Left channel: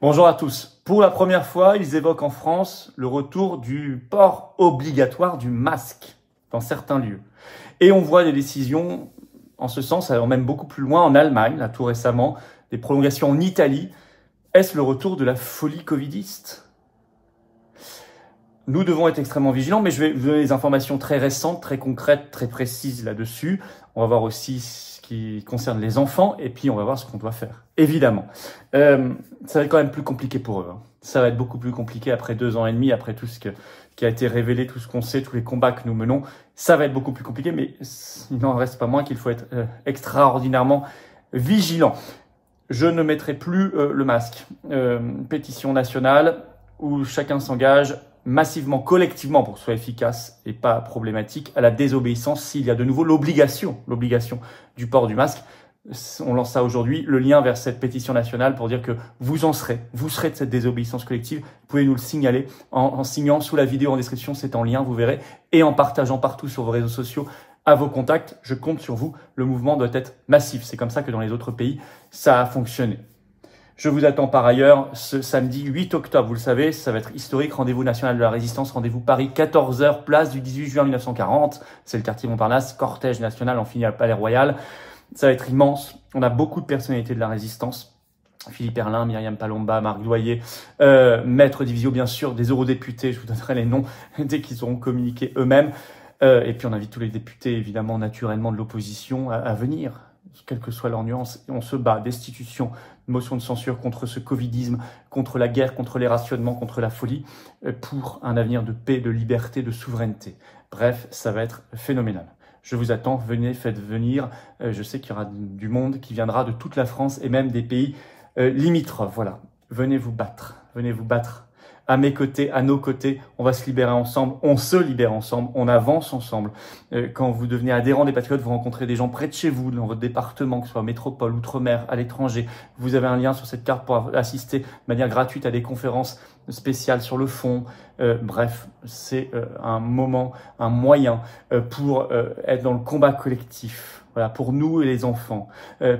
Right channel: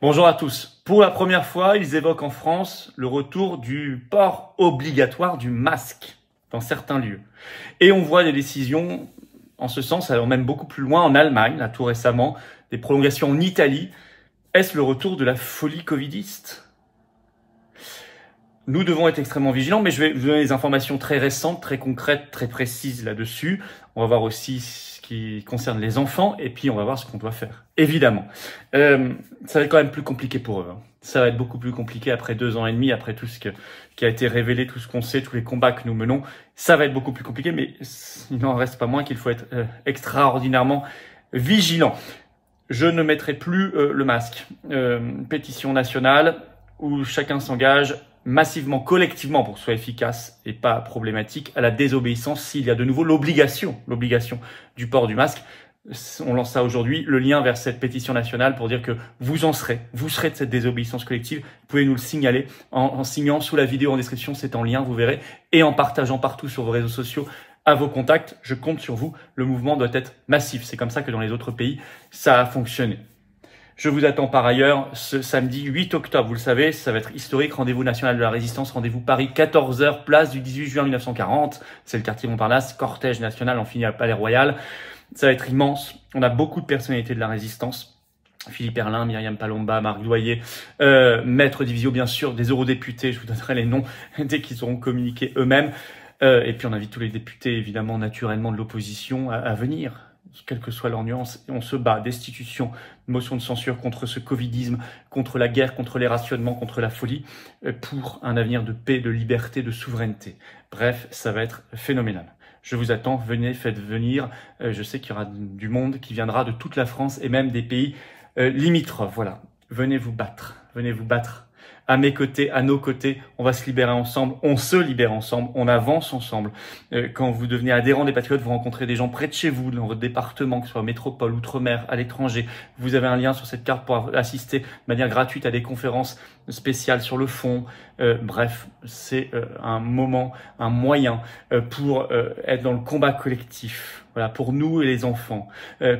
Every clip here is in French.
Bonjour à tous. Pour la première fois, ils évoquent en France le retour du port obligatoire du masque dans certains lieux. Et on voit des décisions en ce sens, allant même beaucoup plus loin en Allemagne, là tout récemment, des prolongations en Italie. Est-ce le retour de la folie covidiste ? Nous devons être extrêmement vigilants, mais je vais vous donner des informations très récentes, très concrètes, très précises là-dessus. On va voir aussi ce qui concerne les enfants, et puis on va voir ce qu'on doit faire. Évidemment, ça va être quand même plus compliqué pour eux. Ça va être beaucoup plus compliqué après 2 ans et demi, après tout ce qui a été révélé, tout ce qu'on sait, tous les combats que nous menons. Ça va être beaucoup plus compliqué, mais il n'en reste pas moins qu'il faut être extraordinairement vigilant. Je ne mettrai plus le masque. Pétition nationale où chacun s'engage massivement, collectivement, pour que ce soit efficace et pas problématique, à la désobéissance s'il y a de nouveau l'obligation du port du masque. On lance ça aujourd'hui, le lien vers cette pétition nationale pour dire que vous serez de cette désobéissance collective. Vous pouvez nous le signaler en signant sous la vidéo en description, c'est en lien, vous verrez, et en partageant partout sur vos réseaux sociaux à vos contacts. Je compte sur vous, le mouvement doit être massif. C'est comme ça que dans les autres pays, ça a fonctionné. Je vous attends par ailleurs ce samedi 8 octobre, vous le savez, ça va être historique, rendez-vous national de la résistance, rendez-vous Paris, 14h, place du 18 juin 1940, c'est le quartier Montparnasse, cortège national, on finit à Palais Royal, ça va être immense, on a beaucoup de personnalités de la résistance, Philippe Herlin, Myriam Palomba, Marc Doyer, Maître Divisio bien sûr, des eurodéputés, je vous donnerai les noms dès qu'ils auront communiqué eux-mêmes, et puis on invite tous les députés évidemment naturellement de l'opposition à venir. Quelle que soit leur nuance, on se bat, destitution, motion de censure contre ce covidisme, contre la guerre, contre les rationnements, contre la folie, pour un avenir de paix, de liberté, de souveraineté. Bref, ça va être phénoménal. Je vous attends, venez, faites venir. Je sais qu'il y aura du monde qui viendra de toute la France et même des pays limitrophes. Voilà, venez vous battre. À mes côtés, à nos côtés, on va se libérer ensemble, on se libère ensemble, on avance ensemble. Quand vous devenez adhérent des Patriotes, vous rencontrez des gens près de chez vous, dans votre département, que ce soit métropole, outre-mer, à l'étranger. Vous avez un lien sur cette carte pour assister de manière gratuite à des conférences spéciales sur le fond. Bref, c'est un moment, un moyen pour être dans le combat collectif. Voilà, pour nous et les enfants,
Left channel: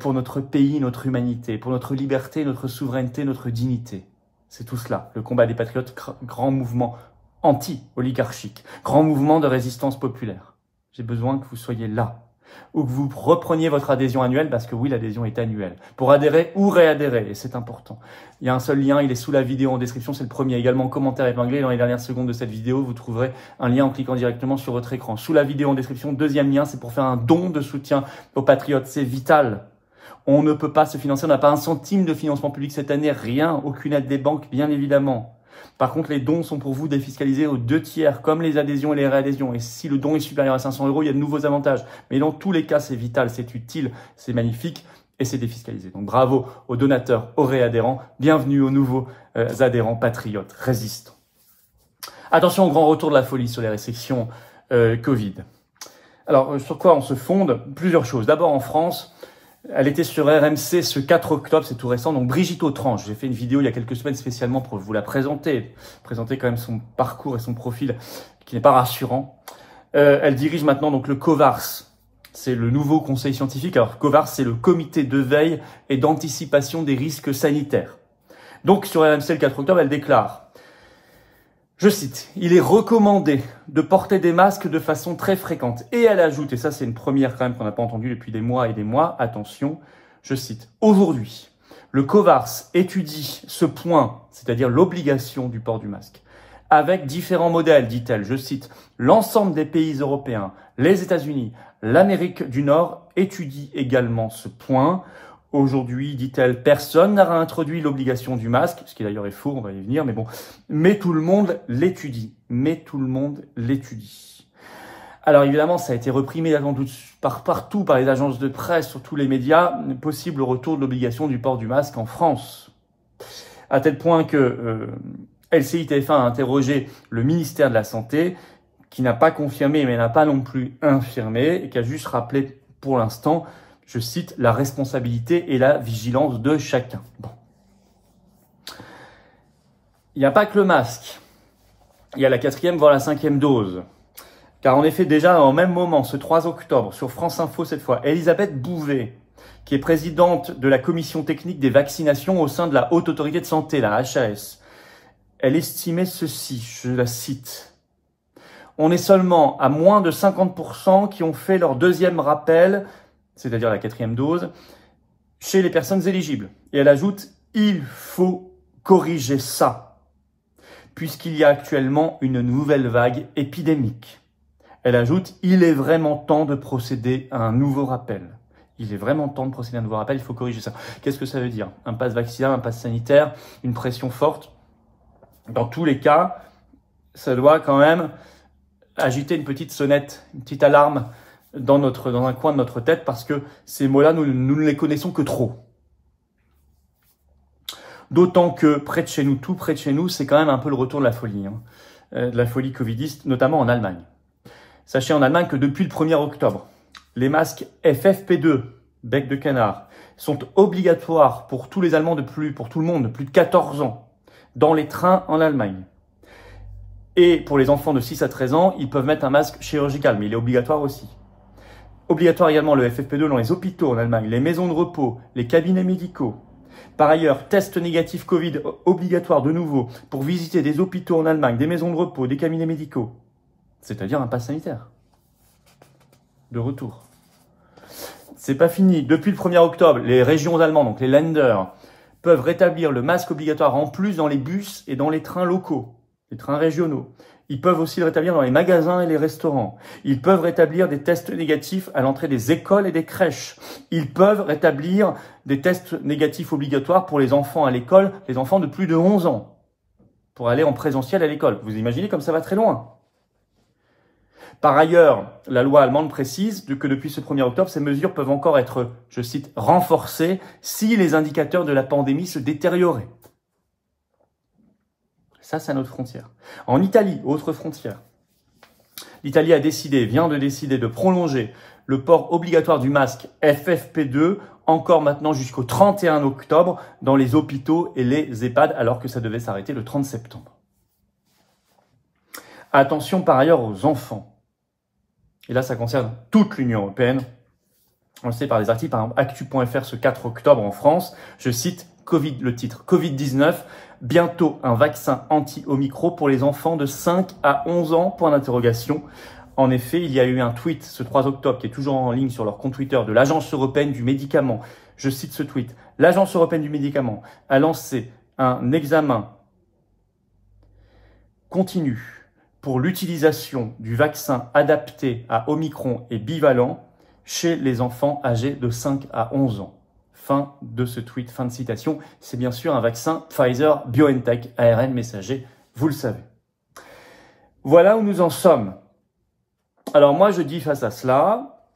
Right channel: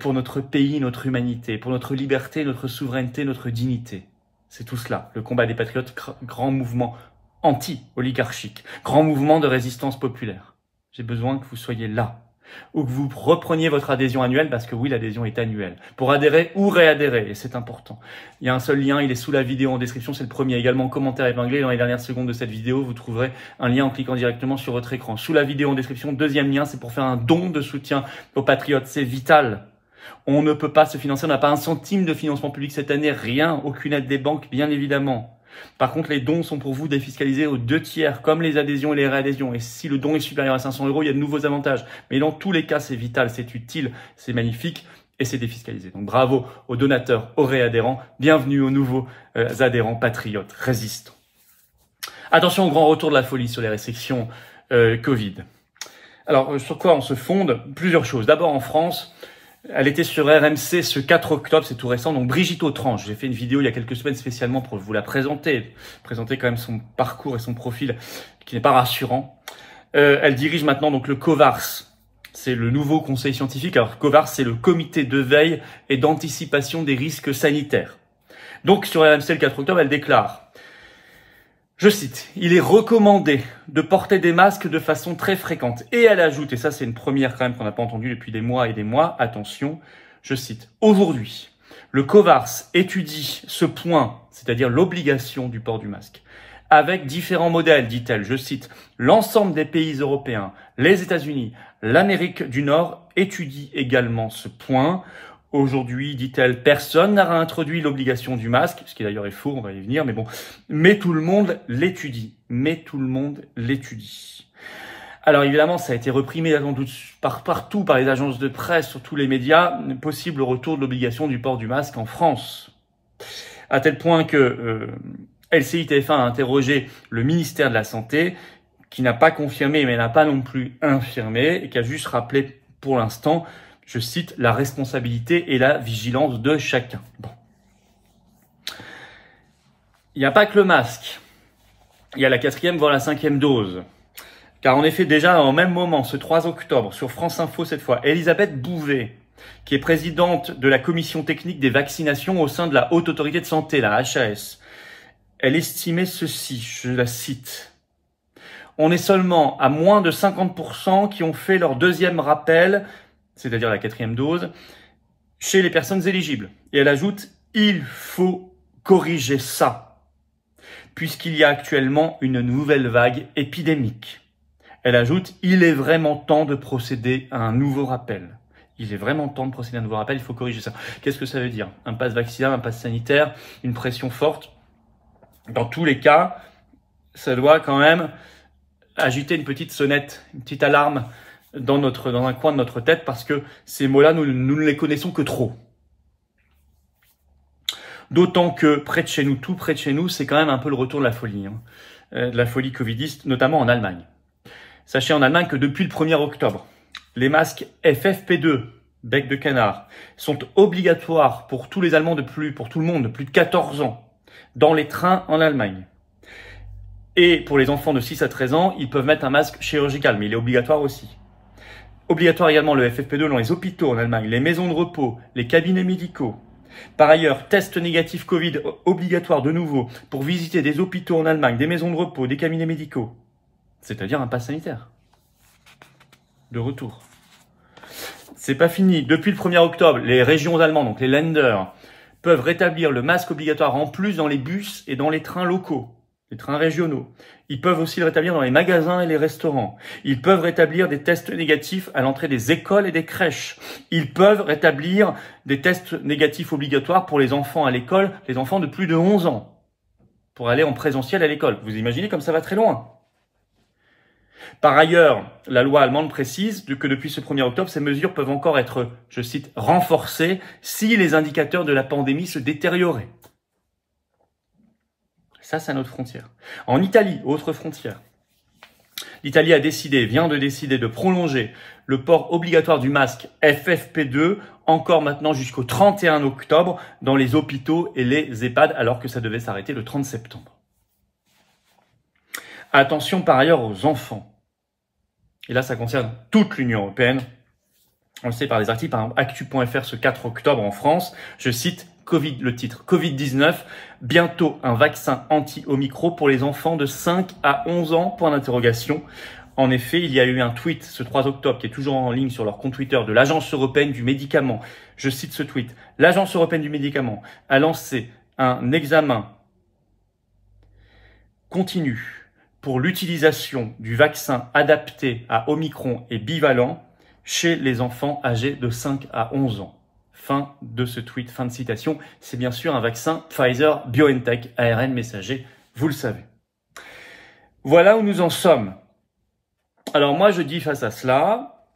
pour notre pays, notre humanité, pour notre liberté, notre souveraineté, notre dignité. C'est tout cela, le combat des patriotes, grand mouvement anti-oligarchique, grand mouvement de résistance populaire. J'ai besoin que vous soyez là, ou que vous repreniez votre adhésion annuelle, parce que oui, l'adhésion est annuelle, pour adhérer ou réadhérer, et c'est important. Il y a un seul lien, il est sous la vidéo en description, c'est le premier, également commentaire épinglé. Dans les dernières secondes de cette vidéo, vous trouverez un lien en cliquant directement sur votre écran. Sous la vidéo en description, deuxième lien, c'est pour faire un don de soutien aux patriotes, c'est vital. On ne peut pas se financer, on n'a pas un centime de financement public cette année, rien, aucune aide des banques, bien évidemment. Par contre, les dons sont pour vous défiscalisés aux 2/3, comme les adhésions et les réadhésions. Et si le don est supérieur à 500 €, il y a de nouveaux avantages. Mais dans tous les cas, c'est vital, c'est utile, c'est magnifique et c'est défiscalisé. Donc bravo aux donateurs, aux réadhérents, bienvenue aux nouveaux adhérents patriotes, résistants. Attention au grand retour de la folie sur les restrictions Covid. Alors, sur quoi on se fonde? Plusieurs choses. D'abord, en France, elle était sur RMC ce 4 octobre, c'est tout récent, donc Brigitte Autranche. J'ai fait une vidéo il y a quelques semaines spécialement pour vous la présenter quand même son parcours et son profil qui n'est pas rassurant. Elle dirige maintenant donc le COVARS, c'est le nouveau conseil scientifique. Alors COVARS, c'est le comité de veille et d'anticipation des risques sanitaires. Donc sur RMC le 4 octobre, elle déclare, je cite, « Il est recommandé de porter des masques de façon très fréquente. » Et elle ajoute, et ça c'est une première quand même qu'on n'a pas entendue depuis des mois et des mois, attention, je cite, « Aujourd'hui, le COVARS étudie ce point, c'est-à-dire l'obligation du port du masque, avec différents modèles, dit-elle, je cite, « L'ensemble des pays européens, les États-Unis, l'Amérique du Nord étudient également ce point. » Aujourd'hui, dit-elle, personne n'a réintroduit l'obligation du masque, ce qui d'ailleurs est faux, on va y venir, mais bon. Mais tout le monde l'étudie. Alors évidemment, ça a été repris immédiatement partout par les agences de presse, sur tous les médias, possible retour de l'obligation du port du masque en France. À tel point que LCI TF1 a interrogé le ministère de la Santé, qui n'a pas confirmé, mais n'a pas non plus infirmé, et qui a juste rappelé pour l'instant, je cite, la responsabilité et la vigilance de chacun. Bon. Il n'y a pas que le masque. Il y a la 4e, voire la 5e dose. Car en effet, déjà, au même moment, ce 3 octobre, sur France Info cette fois, Elisabeth Bouvet qui est présidente de la commission technique des vaccinations au sein de la Haute Autorité de Santé, la HAS. Elle estimait ceci, je la cite. On est seulement à moins de 50% qui ont fait leur deuxième rappel, c'est-à-dire la 4e dose, chez les personnes éligibles. Et elle ajoute, il faut corriger ça, puisqu'il y a actuellement une nouvelle vague épidémique. Elle ajoute, il est vraiment temps de procéder à un nouveau rappel. Il est vraiment temps de procéder à un nouveau rappel, il faut corriger ça. Qu'est-ce que ça veut dire? Un pass vaccinal, un pass sanitaire, une pression forte. Dans tous les cas, ça doit quand même agiter une petite sonnette, une petite alarme dans un coin de notre tête, parce que ces mots-là, nous ne les connaissons que trop. D'autant que près de chez nous, tout près de chez nous, c'est quand même un peu le retour de la folie, de la folie covidiste, notamment en Allemagne. Sachez en Allemagne que depuis le 1er octobre, les masques FFP2, bec de canard, sont obligatoires pour tous les Allemands pour tout le monde de plus de 14 ans, dans les trains en Allemagne. Et pour les enfants de 6 à 13 ans, ils peuvent mettre un masque chirurgical, mais il est obligatoire aussi. Obligatoire également le FFP2 dans les hôpitaux en Allemagne, les maisons de repos, les cabinets médicaux. Par ailleurs, test négatif Covid obligatoire de nouveau pour visiter des hôpitaux en Allemagne, des maisons de repos, des cabinets médicaux. C'est-à-dire un pass sanitaire. De retour. C'est pas fini. Depuis le 1er octobre, les régions allemandes, donc les Länder, peuvent rétablir le masque obligatoire en plus dans les bus et dans les trains locaux, les trains régionaux. Ils peuvent aussi le rétablir dans les magasins et les restaurants. Ils peuvent rétablir des tests négatifs à l'entrée des écoles et des crèches. Ils peuvent rétablir des tests négatifs obligatoires pour les enfants à l'école, les enfants de plus de 11 ans, pour aller en présentiel à l'école. Vous imaginez comme ça va très loin. Par ailleurs, la loi allemande précise que depuis ce 1er octobre, ces mesures peuvent encore être, je cite, renforcées si les indicateurs de la pandémie se détérioraient. Ça, c'est à notre frontière. En Italie, autre frontière. L'Italie vient de décider de prolonger le port obligatoire du masque FFP2 encore maintenant jusqu'au 31 octobre dans les hôpitaux et les EHPAD, alors que ça devait s'arrêter le 30 septembre. Attention par ailleurs aux enfants. Et là, ça concerne toute l'Union européenne. On le sait par les articles, par exemple, actu.fr ce 4 octobre en France. Je cite le titre Covid-19, bientôt un vaccin anti-Omicron pour les enfants de 5 à 11 ans, point d'interrogation. En effet, il y a eu un tweet ce 3 octobre qui est toujours en ligne sur leur compte Twitter de l'Agence européenne du médicament. Je cite ce tweet. L'Agence européenne du médicament a lancé un examen continu pour l'utilisation du vaccin adapté à Omicron et bivalent chez les enfants âgés de 5 à 11 ans. Fin de ce tweet, fin de citation. C'est bien sûr un vaccin Pfizer-BioNTech, ARN messager, vous le savez. Voilà où nous en sommes. Alors moi, je dis face à cela,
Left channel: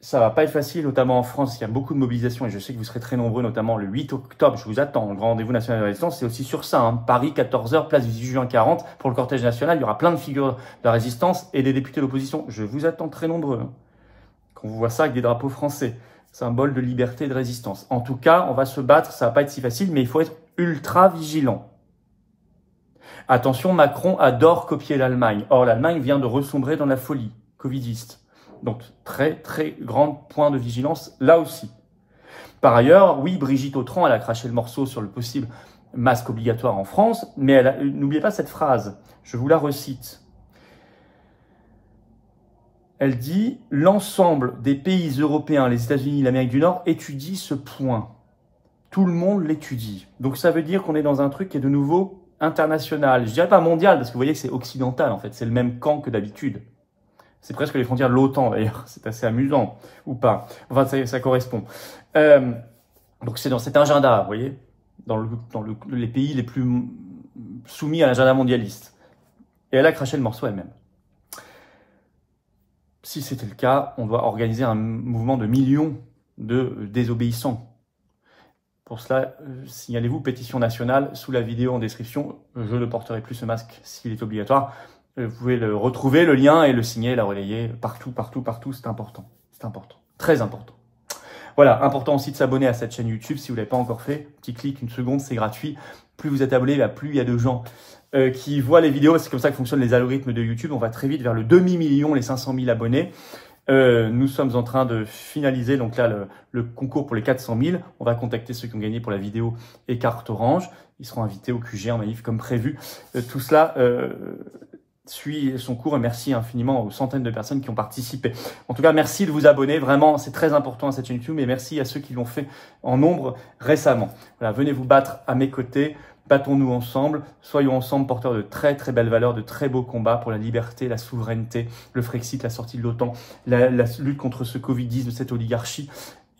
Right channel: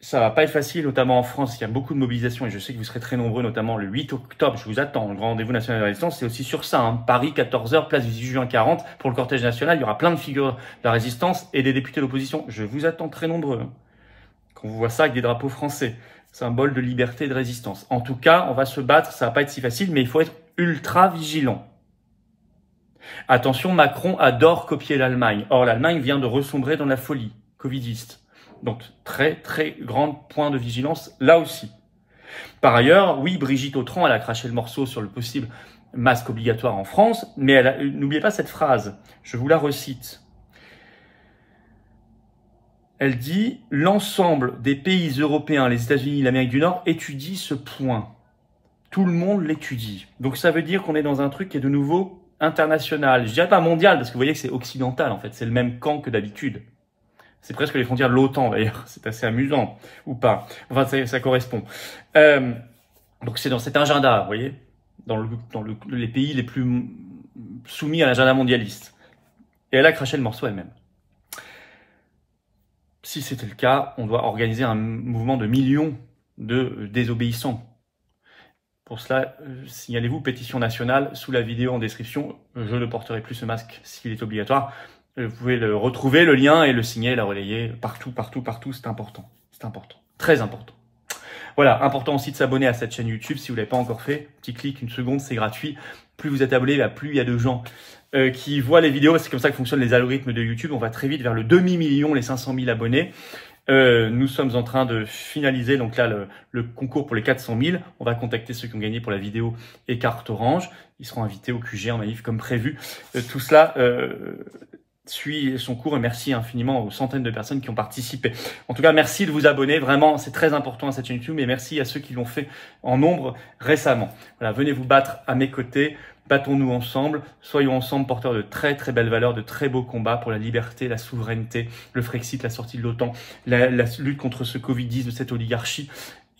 ça va pas être facile, notamment en France, il y a beaucoup de mobilisation et je sais que vous serez très nombreux, notamment le 8 octobre, je vous attends, le grand rendez-vous national de la résistance, c'est aussi sur ça, Paris, 14h, place du 18 juin 40, pour le cortège national, il y aura plein de figures de la résistance et des députés de l'opposition, je vous attends très nombreux. Quand vous voyez ça avec des drapeaux français, symbole de liberté et de résistance. En tout cas, on va se battre, ça va pas être si facile, mais il faut être ultra vigilant. Attention, Macron adore copier l'Allemagne. Or, l'Allemagne vient de ressombrer dans la folie covidiste. Donc, très, très grand point de vigilance là aussi. Par ailleurs, oui, Brigitte Autran, elle a craché le morceau sur le possible masque obligatoire en France, mais n'oubliez pas cette phrase, je vous la recite. Elle dit « L'ensemble des pays européens, les États-Unis, l'Amérique du Nord, étudient ce point. Tout le monde l'étudie. » Donc, ça veut dire qu'on est dans un truc qui est de nouveau international. Je dirais pas mondial, parce que vous voyez que c'est occidental, en fait. C'est le même camp que d'habitude. C'est presque les frontières de l'OTAN, d'ailleurs. C'est assez amusant, ou pas. Enfin, ça correspond. Donc, c'est dans cet agenda, vous voyez, dans les pays les plus soumis à l'agenda mondialiste. Et elle a craché le morceau elle-même. Si c'était le cas, on doit organiser un mouvement de millions de désobéissants. Pour cela, signalez-vous pétition nationale sous la vidéo en description. Je ne porterai plus ce masque s'il est obligatoire. Vous pouvez le retrouver, le lien, et le signer, la relayer partout, partout, partout. C'est important. C'est important. Très important. Voilà, important aussi de s'abonner à cette chaîne YouTube si vous ne l'avez pas encore fait. Petit clic, une seconde, c'est gratuit. Plus vous êtes abonné, plus il y a de gens qui voient les vidéos. C'est comme ça que fonctionnent les algorithmes de YouTube. On va très vite vers le demi-million, les 500 000 abonnés. Nous sommes en train de finaliser donc là le concours pour les 400 000. On va contacter ceux qui ont gagné pour la vidéo et carte orange. Ils seront invités au QG en manif comme prévu. Tout cela suit son cours et merci infiniment aux centaines de personnes qui ont participé. En tout cas, merci de vous abonner. Vraiment, c'est très important à cette chaîne YouTube et merci à ceux qui l'ont fait en nombre récemment. Voilà, venez vous battre à mes côtés. Battons-nous ensemble, soyons ensemble porteurs de très très belles valeurs, de très beaux combats pour la liberté, la souveraineté, le Frexit, la sortie de l'OTAN, la lutte contre ce Covidisme, cette oligarchie.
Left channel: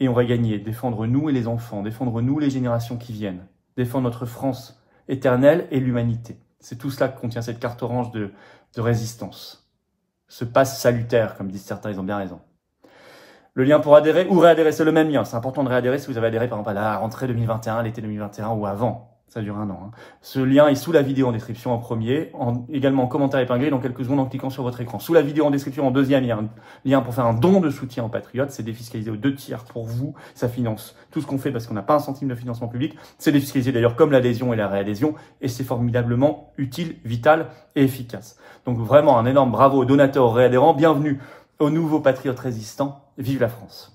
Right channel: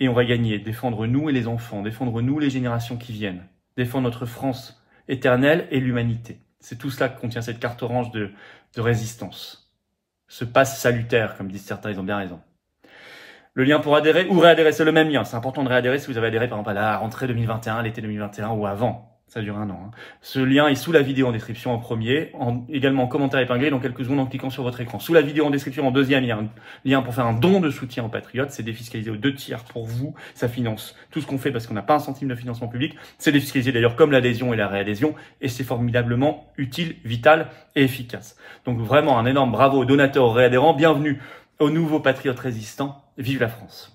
Et on va gagner, défendre nous et les enfants, défendre nous les générations qui viennent, défendre notre France éternelle et l'humanité. C'est tout cela que contient cette carte orange de résistance. Ce passe salutaire, comme disent certains, ils ont bien raison. Le lien pour adhérer ou réadhérer, c'est le même lien. C'est important de réadhérer si vous avez adhéré par exemple à la rentrée 2021, l'été 2021 ou avant. Ça dure 1 an. Hein. Ce lien est sous la vidéo en description en premier, également en commentaire épinglé dans quelques secondes en cliquant sur votre écran. Sous la vidéo en description en deuxième, il y a un lien pour faire un don de soutien aux patriotes. C'est défiscalisé aux 2 tiers pour vous. Ça finance tout ce qu'on fait parce qu'on n'a pas un centime de financement public. C'est défiscalisé d'ailleurs comme l'adhésion et la réadhésion. Et c'est formidablement utile, vital et efficace. Donc vraiment un énorme bravo aux donateurs, aux réadhérents. Bienvenue aux nouveaux patriotes résistants. Vive la France!